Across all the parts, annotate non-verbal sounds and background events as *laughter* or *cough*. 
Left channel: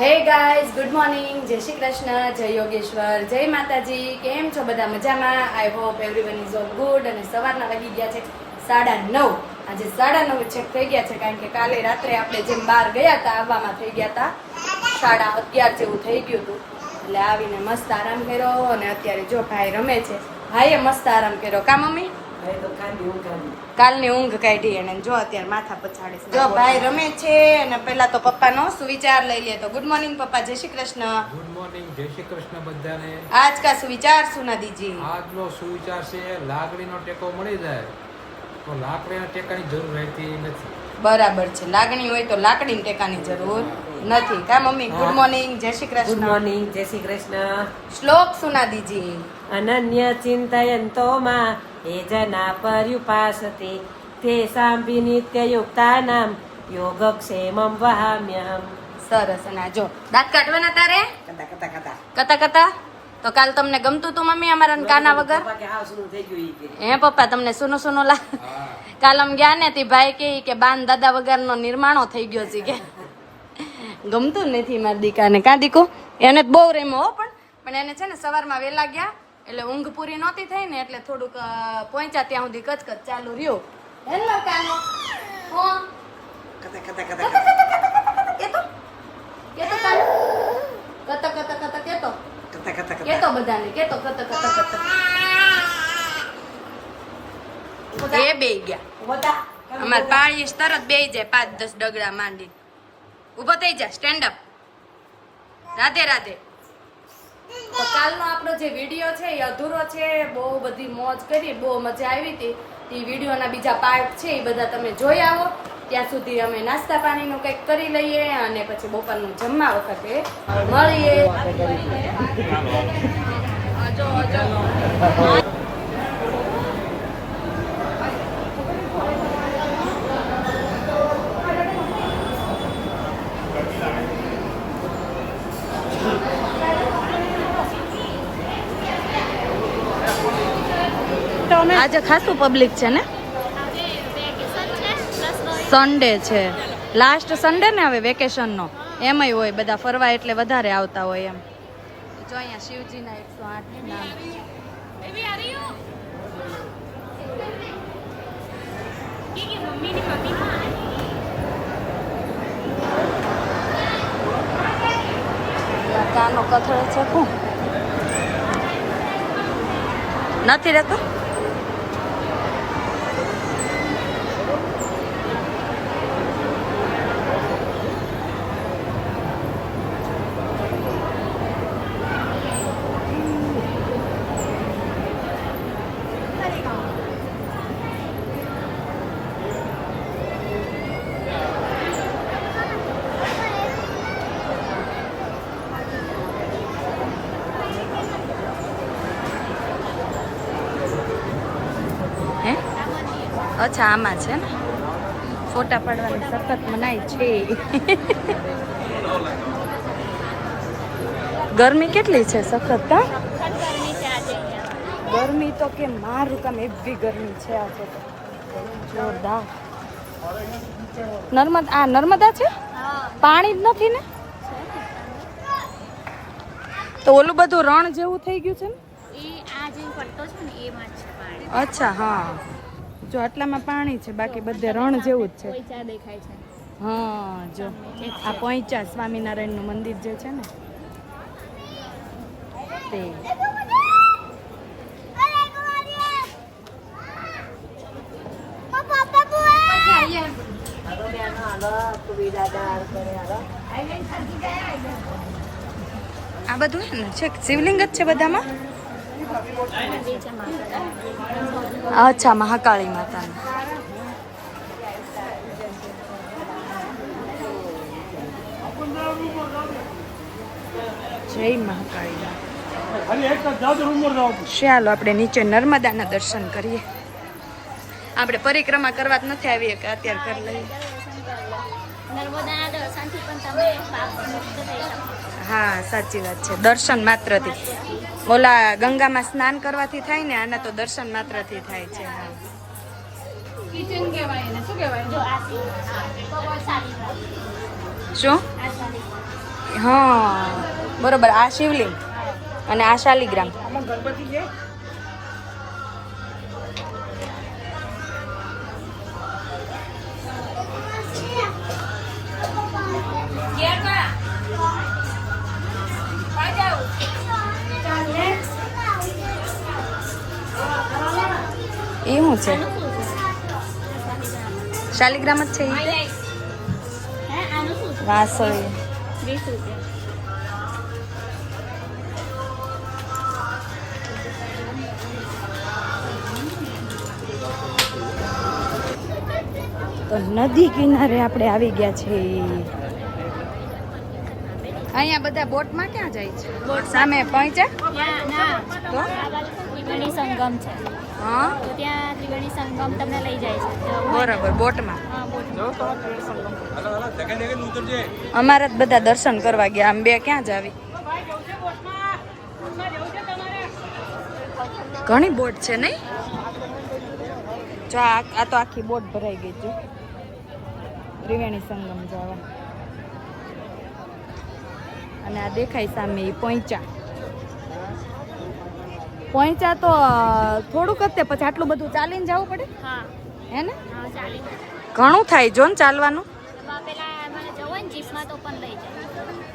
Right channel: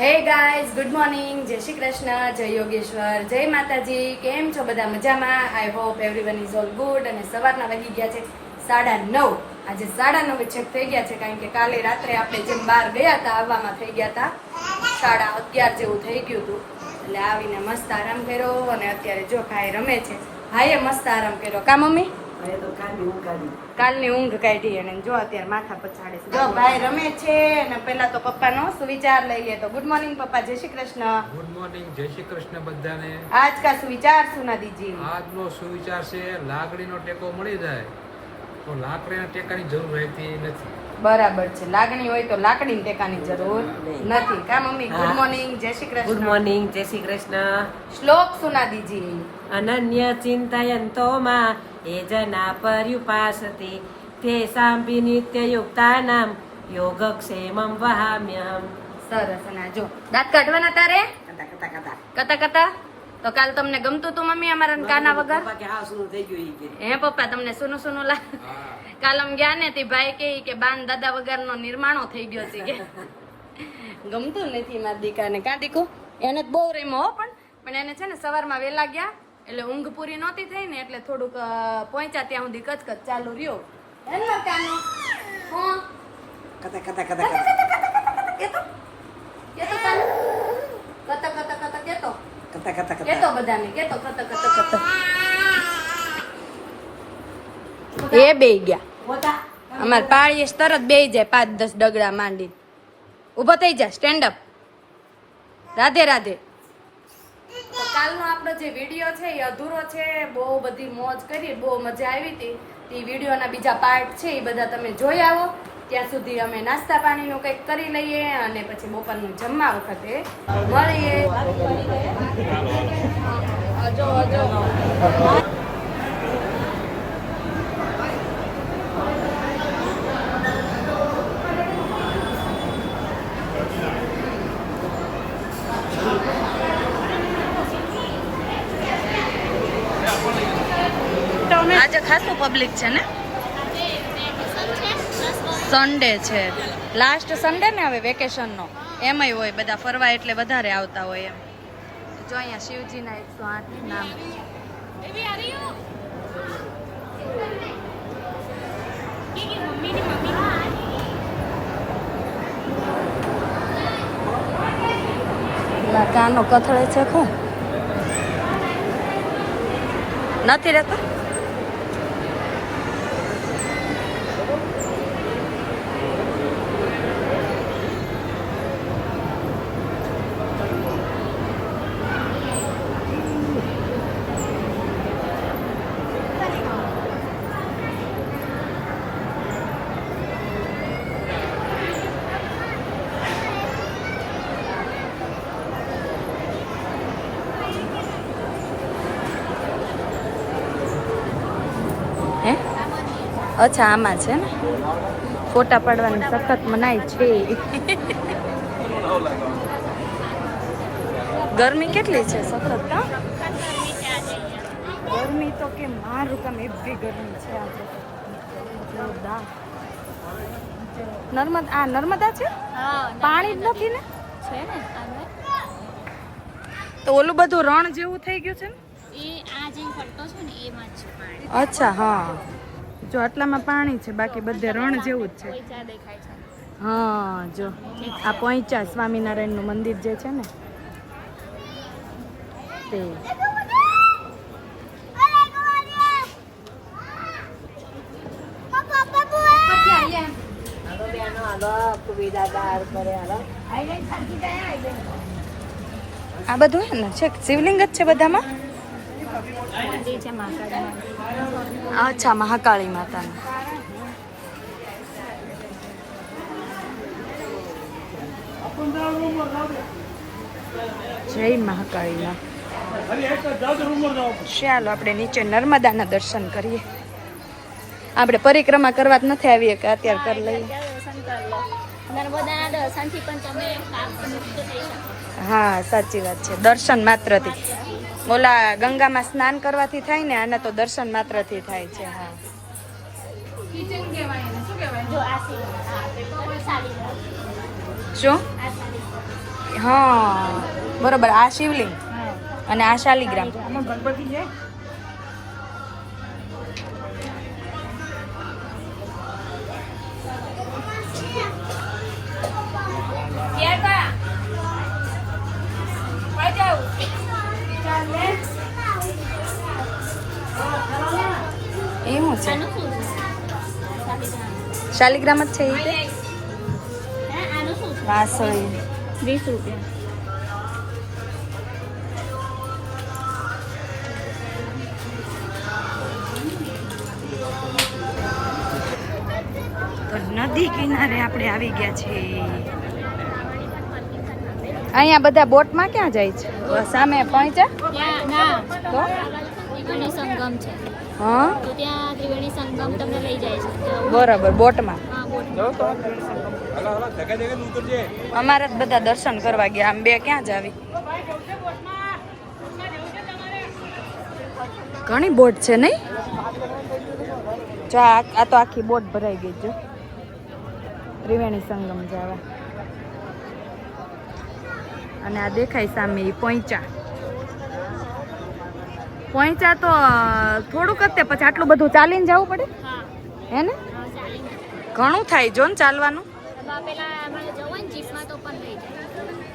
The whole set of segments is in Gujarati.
હે ગાઈઝ ગુડ મોર્નિંગ જય શ્રી કૃષ્ણ, જય યોગેશ્વર, જય માતાજી. કેમ છો બધા મજામાં? I hope everyone is all good અને સવારના વાગી ગયા છે સાડા નવ. આજે સાડા નવ છેક થઈ ગયા છે કારણ કે કાલે રાત્રે આપણે જેમ બહાર ગયા હતા, આવવામાં થઈ ગયા હતા, સાડા અગિયાર જેવું થઈ ગયું હતું. એટલે આવીને મસ્ત આરામ કર્યો અને અત્યારે જો ભાઈ રમે છે, ભાઈએ મસ્ત આરામ કર્યો. કા મમ્મી? કાલની ઊંઘ કાઢી અને જો અત્યારે માથા પછાડે છે જો ભાઈ રમે છે અને પેલા તો પપ્પાનો સુવિચાર લઈ લે. તો ગુડ મોર્નિંગ પપ્પા. જય શ્રી કૃષ્ણ. ગુડ મોર્નિંગ જય શ્રી કૃષ્ણ બધાને. આજ કા સુવિચાર સુના દીજી આજનો સુવિચાર છે લાગણીનો ટેકો મળી જાય. તો લાકડીના ટેકાની જરૂર રહેતી નથી. બરાબર છે. લાગણી હોય તો લાકડીની ટેકાની જરૂર નથી. કા મમ્મી? ગુડ મોર્નિંગ જય શ્રી કૃષ્ણ. ગુડ મોર્નિંગ જય શ્રી કૃષ્ણ. શ્લોક સુના દીજી અનન્ય ચિંતયંતો માં એ જના પર્યુપાસતે તે સાંભી નિત્ય યુક્તાનામ યોગક્ષેમમ વહામ્યહમ સરસ અને જો દાંત કાઢવાના તારે? કતા કતા તો કાલ તમને ગમતું તું મમ્મી અમારા કાના વગર? હે પપ્પા તમને સુનો સુનો લા કાલ આમ ગયા ને તે ભાઈ કે કે બાન દાદા વગરનો નિર્માણો થઈ ગયો છે કે. ગમતું નથી મારા દીકાને. કા દીકો? એને બહુ રેમો હો પણ. પણ એને છે ને સવારમાં વહેલા ગયા એટલે ઊંઘ પૂરી નહોતી થઈ ને એટલે થોડુંક પહોંચ્યા ત્યાં સુધી કચકચ ચાલુ રહ્યો હેલો કાનો હો કતા કતા કતા કતા કેતો કેતો કાનો કતા કતા કતા કેતો કેતો બધાને કેતો કતા કતા કતા એ બે ગયા અમાર પાળીશ તરત બે જાય પાંચ દસ ડગડા માંડી ઊભો થઈ જાય સ્ટેન્ડ અપ રાધે રાધે કાલનો આપણો જે વીડિયો છે એ અધૂરો છે. બહુ બધી મોજ કરી બહુ મજા આવી હતી. એ વિડીયોના બીજા પાર્ટ છે એ બધા તમે જોઈ આવો. ત્યાં સુધી અમે નાસ્તા પાણીનું કંઈક કરી લઈએ અને પછી બપોરનું જમવા વખતે મળીએ. આજે ખાસું પબ્લિક છે ને? સન્ડે છે. લાસ્ટ સન્ડે ને હવે વેકેશન નો. એમાંય હોય બધા ફરવા એટલે વધારે આવતા હોય એમ. જો અહીંયા શિવજીના એકસો આઠ નામ. નથી રહેતો? અચ્છા આમાં છે ને? ફોટા પાડવાની સખત મનાય છે. ગરમી કેટલી છે સખત હા? ગરમી તો કે મારું કામ એવી ગરમી છે આજે. જોરદાર. નર્મદા આ નર્મદા છે? પાણી જ નથી ને? તો ઓલું બધું રણ જેવું થઈ ગયું છે ને? એ આ જે પટ્ટો છે ને એમાં છે. અચ્છા હા. જો આટલામાં પાણી છે બાકી બધે રણ જેવું જ છે. હા જો. આ પહોંચ્યા સ્વામિનારાયણનું મંદિર જે છે ને. તે. આ બધું ને? છે શિવલિંગ જ છે બધામાં? અચ્છા, મહાકાળી માતાનું. જય મહાકાળી માં. ચાલો, આપણે નીચે નર્મદાના દર્શન કરીએ. આપણે પરિક્રમા કરવા જ નથી આવીએ કે અત્યારે કરી લઈએ. હા સાચી વાત છે. દર્શન માત્રથી. ઓલા ગંગામાં સ્નાન કરવાથી થાય ને આને તો દર્શન માત્રથી થાય છે હા. શું હા બરોબર. આ શિવલિંગ અને આ શાલિગ્રામ. એવું શાલિગ્રામ. જ છે એ તે વાસળી તો નદી કિનારે આપણે આવી ગયા છીએ. અહીંયા બધા બોટમાં ક્યાં જાય છે? સામે પહોંચ્યા? તો? સંગમ છે. હા? તો ત્યાં ત્રિવેણી સંગમ તમને લઈ જાય છે. બરાબર બોટમાં? અમારા જ બધા દર્શન કરવા ગયા આમ બે ક્યાં જ આવી? ઘણી બોટ છે ને જો આ તો આખી બોટ ભરાઈ ગઈ છે. ત્રિવેણી સંગમ જવા. અને આ દેખાય સામે એ પોઈચા. પોઈચા તો થોડુંક જ તે પછી આટલું બધું ચાલીને જવું પડે? હા. ને? ઘણું થાય જો ને ચાલવાનું.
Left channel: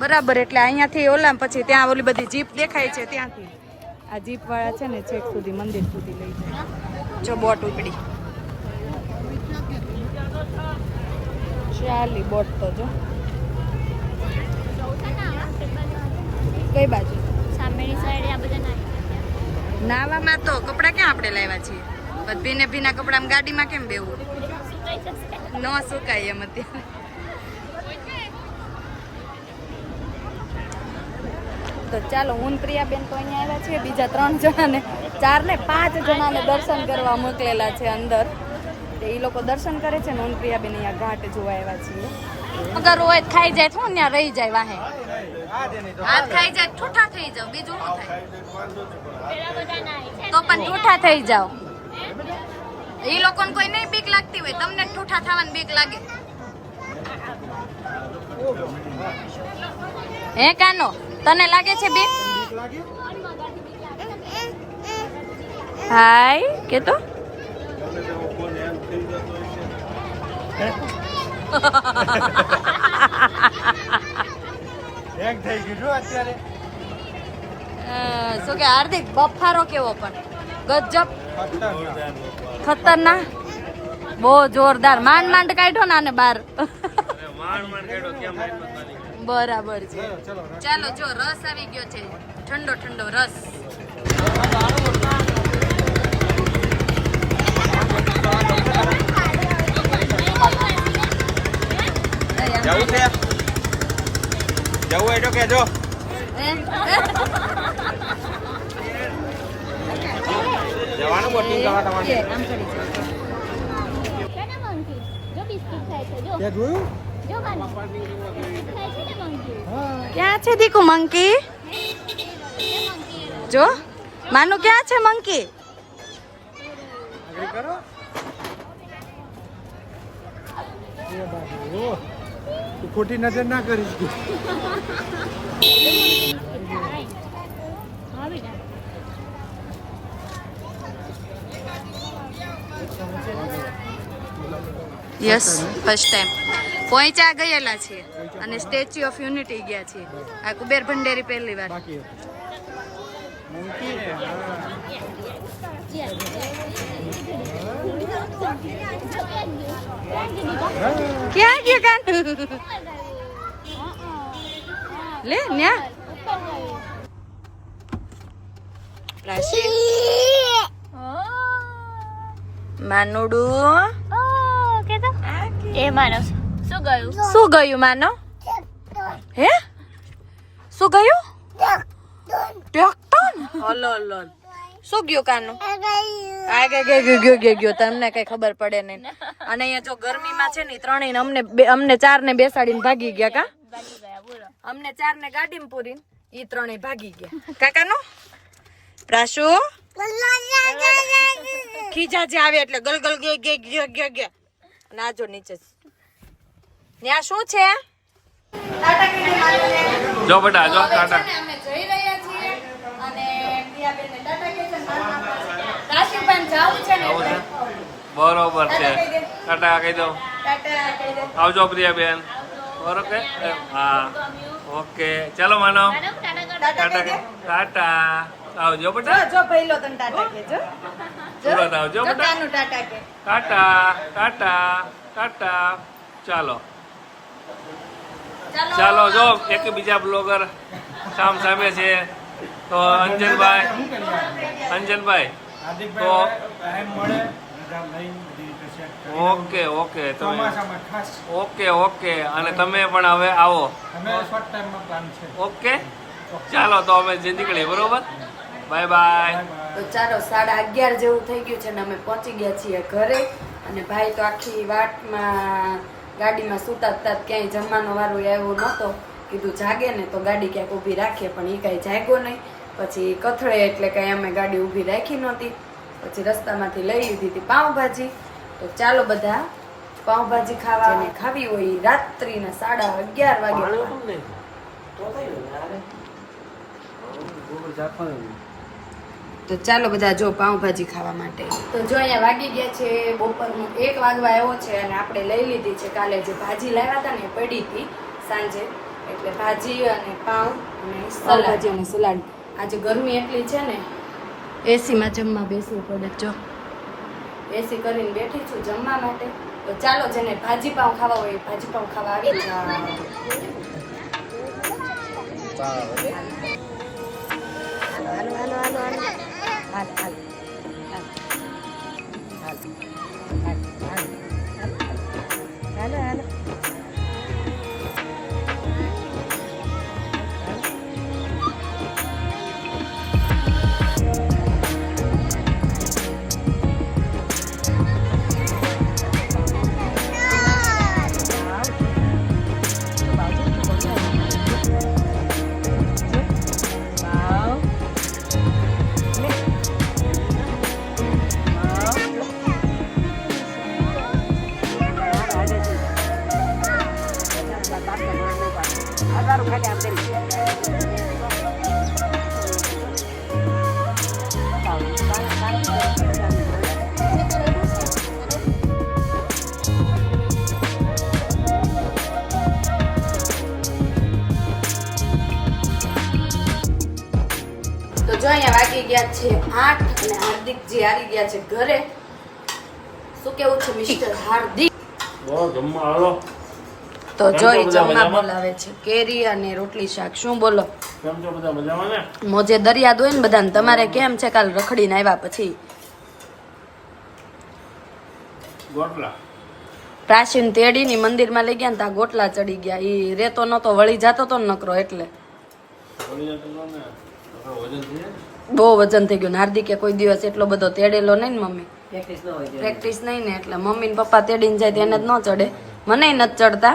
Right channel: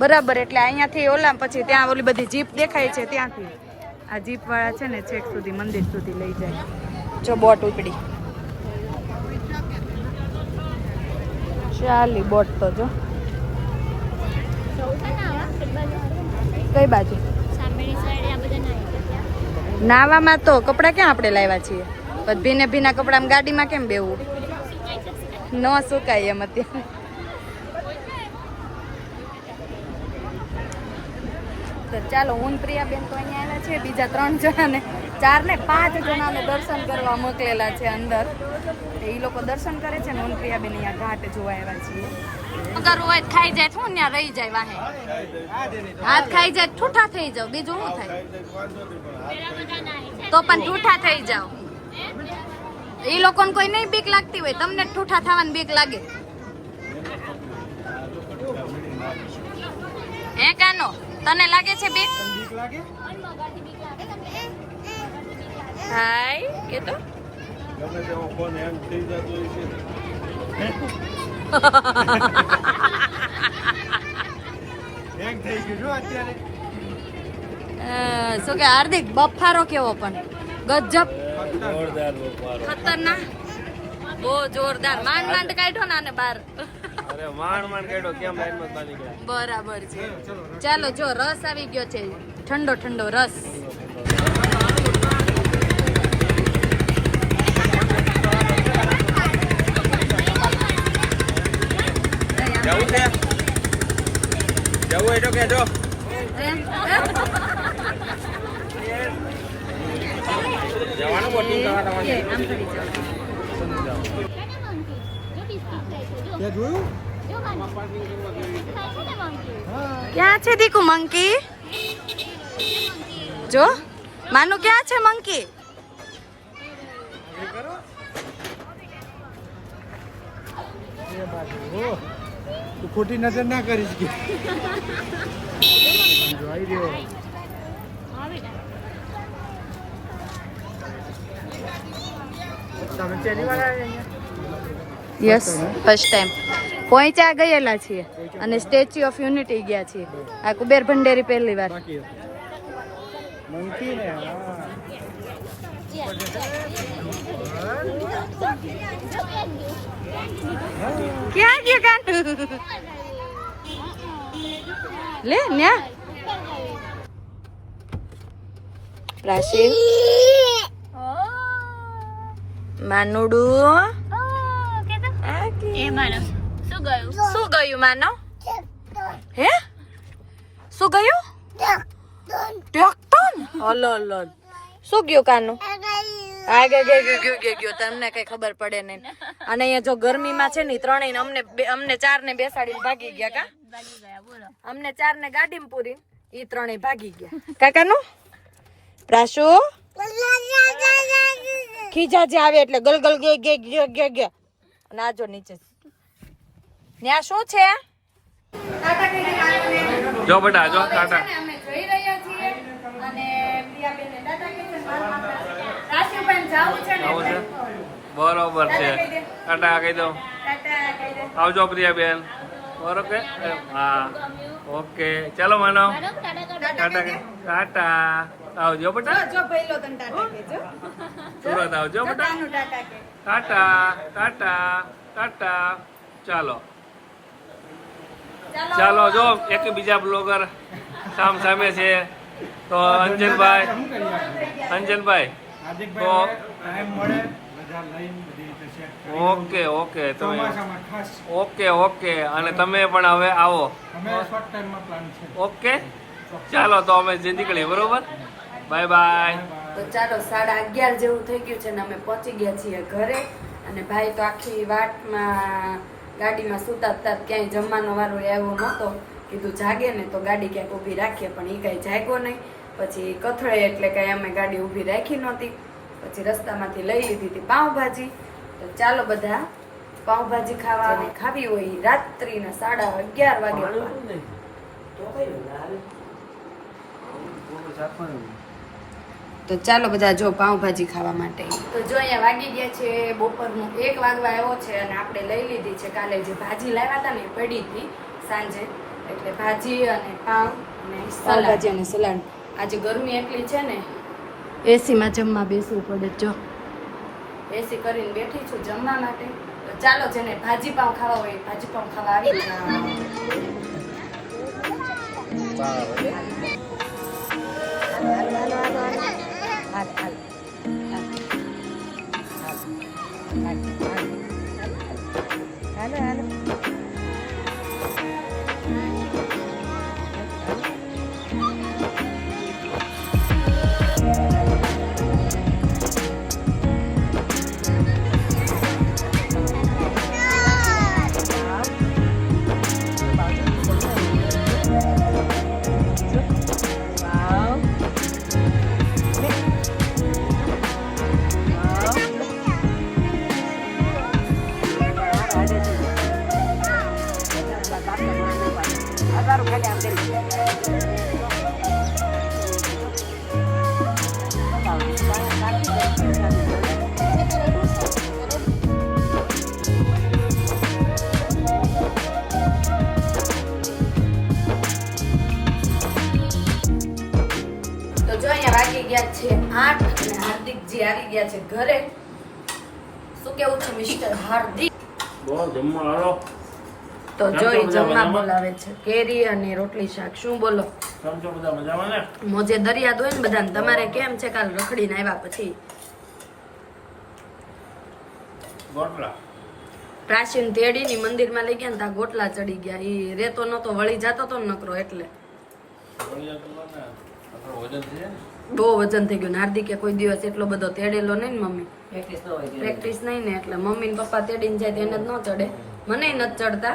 બરાબર એટલે અહીંયાથી ઓલા પછી ત્યાં ઓલી બધી જીપ દેખાય છે ત્યાંથી. આ જીપ વાળા છે ને છેક સુધી મંદિર સુધી લઈ જાય. જો બોટ ઉપડી. ચાલી બોટ તો જો. કઈ બાજુ? સામેની સાઈડ આ બધા નાવામાં તો કપડાં ક્યાં આપણે લાવ્યા છીએ? ભીને ભીના કપડામાં ગાડીમાં કેમ બેવું ન સુકાય એમ અત્યારે. તો ચાલો, હું પ્રિયાબેન તો અહીંયા આવ્યા છે બીજા ત્રણ જણાને ચાર ને પાંચ જણાને દર્શન કરવા મોકલેલા છે અંદર. તો એ લોકો દર્શન કરે છે ને હું પ્રિયાબેન અહીંયા ઘાટ જોવા આવ્યા છીએ. અગર હોય ખાઈ જાય તો ત્યાં રહી જાય વાહે. હાથ ખાઈ જાય, ઠૂઠા થઈ જાવ બીજું થાય? તો પણ ઠૂઠા થઈ જાવ એ લોકોને કોઈ નહીં બીક લાગતી હોય, તમને ઠૂઠા થવાની બીક લાગે. હે કાનો, તને લાગે છે બીક? હાય કે તો *laughs* શું કે હાર્દિક બફારો કેવો પણ? ગજબ. ખતરનાક. બહુ જોરદાર. માંડ માંડ કાઢ્યો ને આને બાર બરાબર છે. ચાલો જો રસ આવી ગયો છે. ઠંડો ઠંડો રસ. કેના મંકી જો બિસ્કિટ ખાય છે જો. જો ખાય છે. ને મંકી ક્યાં છે દીકુ મંકી જો. માનું ક્યાં છે મંકી તું ખોટી નજર ના કરીશ કે. યસ ફર્સ્ટ ટાઈમ પહોંચ્યા ગયેલા છીએ અને સ્ટેચ્યુ ઓફ યુનિટી ગયા છીએ. આ કુબેર ભંડેરી પહેલી વાર. મંકી હા. ક્યાં ગયો કાન લે ન્યા. રાશિ. માનુડું. એ માનો. શું ગયું? શું ગયું માનો? હે? શું ગયું? ટ્રેક્ટર? Hello hello. શું ગયું કાનું? ગયો ગયો ગયો તમને કઈ ખબર પડે નહીં. અને અહીંયા જો ગરમીમાં છે ને ત્રણેય ને અમને બે- અમને ચાર ને બેસાડીને ભાગી ગયા કા? બોલો અમને ચાર ને ગાડીમાં પૂરી ઈ ત્રણેય ભાગી ગયા. કાકાનું પ્રાશુ ખીજા જે આવે એટલે ગલગલ ગયો ગે ગે ગે ગે ગે અને આ જો નીચે ત્યાં શું છે? જો બેટા જો ટાટા. અમે જઈ રહ્યા છીએ અને છે ને ટાટા. બરોબર છે. ટાટા કહી દો. આવજો પ્રિયાબેન બરોબર હા. ઓકે. ચાલો માનો. ટાટા ટાટા. આવજો બેટા. સુરત આવજો બેટા. ટાટા ટાટા ટાટા. ચાલો. ચાલો જો એક બીજા બ્લોગર સામ સામે છે. તો અંજનભાઈ? અંજનભાઈ હાર્દિકભાઈ ટાઈમ મળે રજા લઈને બધી રીતે સેટ કરી ઓકે ઓકે તમે ઓકે ઓકે અને તમે પણ હવે આવો. અમે શોર્ટ ટાઈમમાં પ્લાન છે. ઓકે? ચાલો તો અમે જે નીકળીએ બરોબર? Bye bye. તો ચાલો સાડા અગિયાર જેવું થઈ ગયું છે ને અમે પહોંચી ગયા છીએ ઘરે. અને ભાઈ તો આખી વાટમાં ગાડીમાં સુતા ક્યાંય જમવાનો વારો આવ્યો નહોતો. કીધું જાગે ને તો ગાડી ક્યાંક ઊભી રાખીએ પણ એ કાંઈ જાગ્યો નહીં. પછી કથળે એટલે કાંઈ અમે ગાડી ઊભી રાખી નહોતી. પછી રસ્તામાંથી લઈ લીધી હતી પાઉંભાજી. તો ચાલો બધા પાઉંભાજી ખાવા અને ખાવી હોય રાત્રિના સાડા અગિયાર વાગે. તો ચાલો બધા જો પાઉંભાજી ખાવા માટે. તો જો અહીંયા વાગી ગયા છે બપોરનું એક વાગવા આવ્યો છે અને આપણે લઈ લીધી છે. કાલે જે ભાજી લાવ્યા હતા ને પડી હતી સાંજે. એટલે ભાજી અને પાઉં અને પાઉંભાજી અને સલાડ આજે ગરમી એટલી છે ને એસીમાં જમવા બેસવું પડે જો એસી કરીને બેઠી છું જમવા માટે તો ચાલો જેને ભાજી પાઉં ખાવા હોય ભાજી પાઉં ખાવા આવી જાય તો જો અહીંયા વાગી ગયા છે આઠ અને હાર્દિકજી આવી ગયા છે ઘરે. શું કેવું છે મિસ્ટર હાર્દિક? બહુ જમવા હાલો તો જોઈ જમવા બોલાવે છે. કેરી અને રોટલી શાક. શું બોલો? ને? મોજે દરિયા દોય ને બધાને. તમારે કેમ છે કાલ રખડીને આવ્યા પછી? ગોટલા. પ્રાચીન તેડીની મંદિરમાં લઈ ગયા ને ત્યાં ગોટલા ચડી ગયા. ઈ રેતો નતો વળી જતો તો ને નકરો એટલે. ને. બહુ વજન થઈ ગયું ને. હાર્દિકે કોઈ દિવસ એટલો બધો તેડેલો નહીં ને મમ્મી. પ્રેક્ટિસ ન પ્રેક્ટિસ નહીં ને એટલે મમ્મી ને પપ્પા તેડીને જાય તેને જ ન ચડે. મને નથી ચડતા.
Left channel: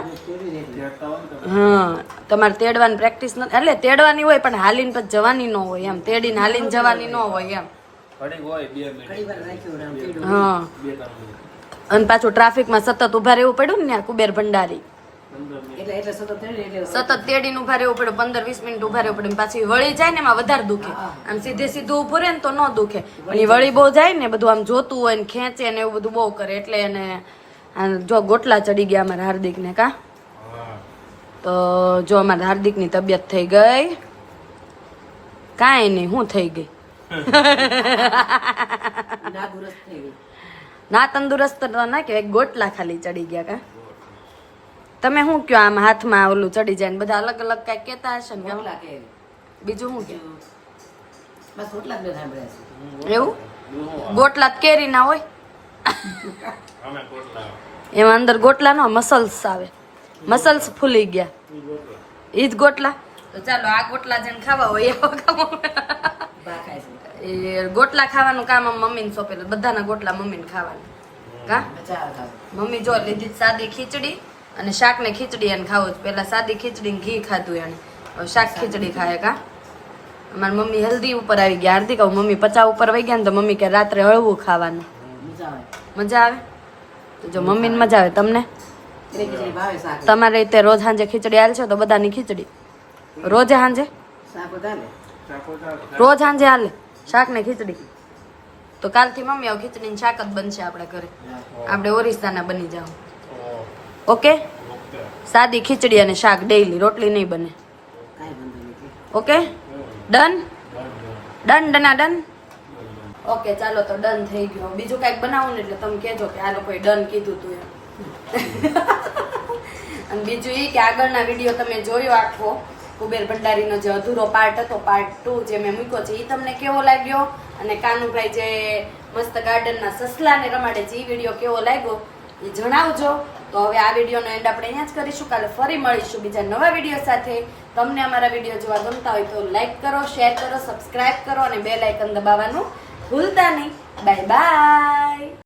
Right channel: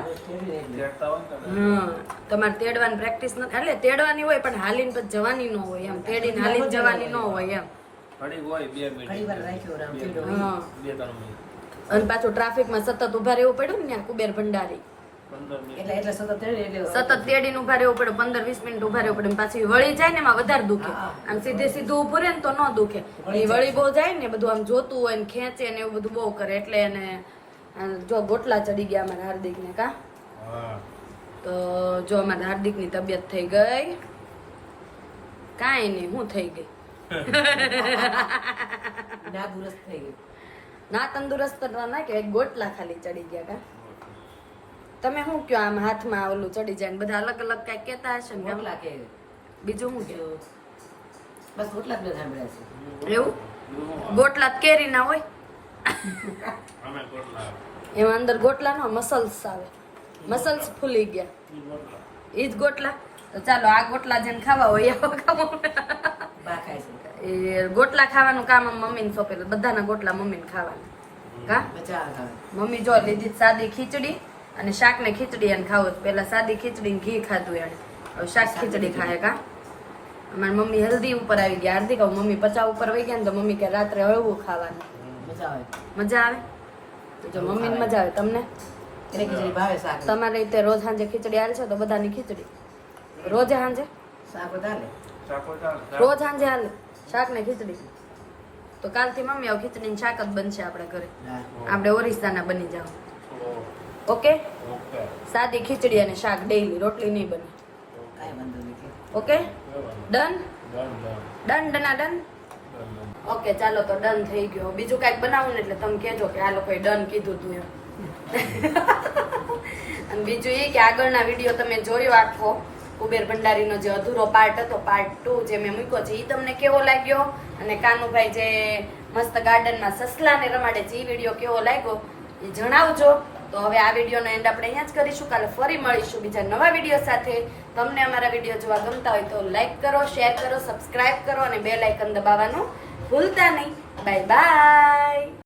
હા, તમારે તેડવાની પ્રેક્ટિસ નથી. એટલે તેડવાની હોય પણ હાલીને પછી જવાની ન હોય એમ. તેડીને હાલીને જવાની ન હોય એમ. હા. અને પાછું ટ્રાફિકમાં સતત ઊભા રહેવું પડ્યું ને કુબેર ભંડારી. સતત તેડીને ઊભા રહેવું પડે પંદર વીસ મિનિટ ઊભા રહેવું પડે પાછી વળી જાય ને એમાં વધારે દુખે. આમ સીધે સીધું ઉભું રહે ને તો ન દુખે. એ વળી બહુ જાય ને બધું આમ જોતું હોય ને ખેંચે ને એવું બધું બહુ કરે એટલે એને જો ગોટલા ચડી ગયા અમારા હાર્દિકને કા? તો જો અમારા હાર્દિકની તબિયત થઈ ગઈ. કાંઈ નહીં હું થઈ ગઈ. ના તંદુરસ્ત તો ના કે ગોટલા ખાલી ચડી ગયા કા? તમે શું કયો આમ હાથમાં ઓલું ચડી જાય ને બધા અલગ અલગ કઈ કેતા હશે ને? બીજું શું કે બસ ગોટલા જ એવું? ગોટલા કેરી ના હોય? એમાં અંદર ગોટલા નો મસલ્સ આવે. મસલ્સ ફૂલી ગયા. એ ગોટલા? જ ગોટલા તો ચાલો આ ગોટલા જેને ખાવા હોય એવો એ ગોટલા ખાવાનું કામ આમ મમ્મીને સોંપેલું બધાના ગોટલા મમ્મીને ખાવાના. કા. મમ્મી જો લીધી સાદી ખીચડી અને શાક ને ખીચડી એને ખાવું પેલા સાદી ખીચડી ઘી ખાધું એને. હવે શાક ખીચડી ખાય કા? અમારી મમ્મી હલ્દી ઉપર આવી ગયા. હાર્દિક મમ્મી પચા ઉપર વહી ગયા ને તો મમ્મી કે રાત્રે હળવું ખાવાનું. મજા આવે. મજા આવે? તો જો મમ્મીને મજા આવે તમને? તમારે રીતે રોજ સાંજે ખીચડી હાલ છે તો બધાની ખીચડી? રોજે સાંજે? રોજ સાંજે હાલે? શાક ને ખીચડી? તો કાલથી મમ્મી આવું ખીચડી શાક જ બનશે આપણે ઘરે. આપણે ઓરિસ્સાના બની જાવ ઓકે? સાદી ખીચડી અને શાક ડેઈલી રોટલી નહીં બને. ઓકે? ડન. ડન ડના ડન? ઓકે, ચાલો તો ડન થઈ ગયો. બીજું કાંઈક બનાવો ને એટલે તમે કહેજો કે આ લોકોએ ડન કીધું તું એમ. અને બીજું એ કે આગળના વીડિયો તમે જોયો આખો, કુબેર ભંડારીનો જે અધૂરો પાર્ટ હતો પાર્ટ ટુ જે મેં મૂક્યો છે એ તમને કેવો લાગ્યો? અને કાનુભાઈ જે મસ્ત ગાર્ડનમાં સસલાને રમાડે છે એ વીડિયો કેવો લાગ્યો? એ જણાવજો. તો હવે આ વિડીયોનો એન્ડ આપણે અહીંયા જ કરીશું. કાલે ફરી મળીશું બીજા નવા વીડિયો સાથે. તમને અમારા વીડિયો જોવા ગમતા હોય તો લાઈક કરો શેર કરો સબસ્ક્રાઇબ કરો અને બે લાઇકન દબાવવાનું ભૂલતા નહીં. Bye bye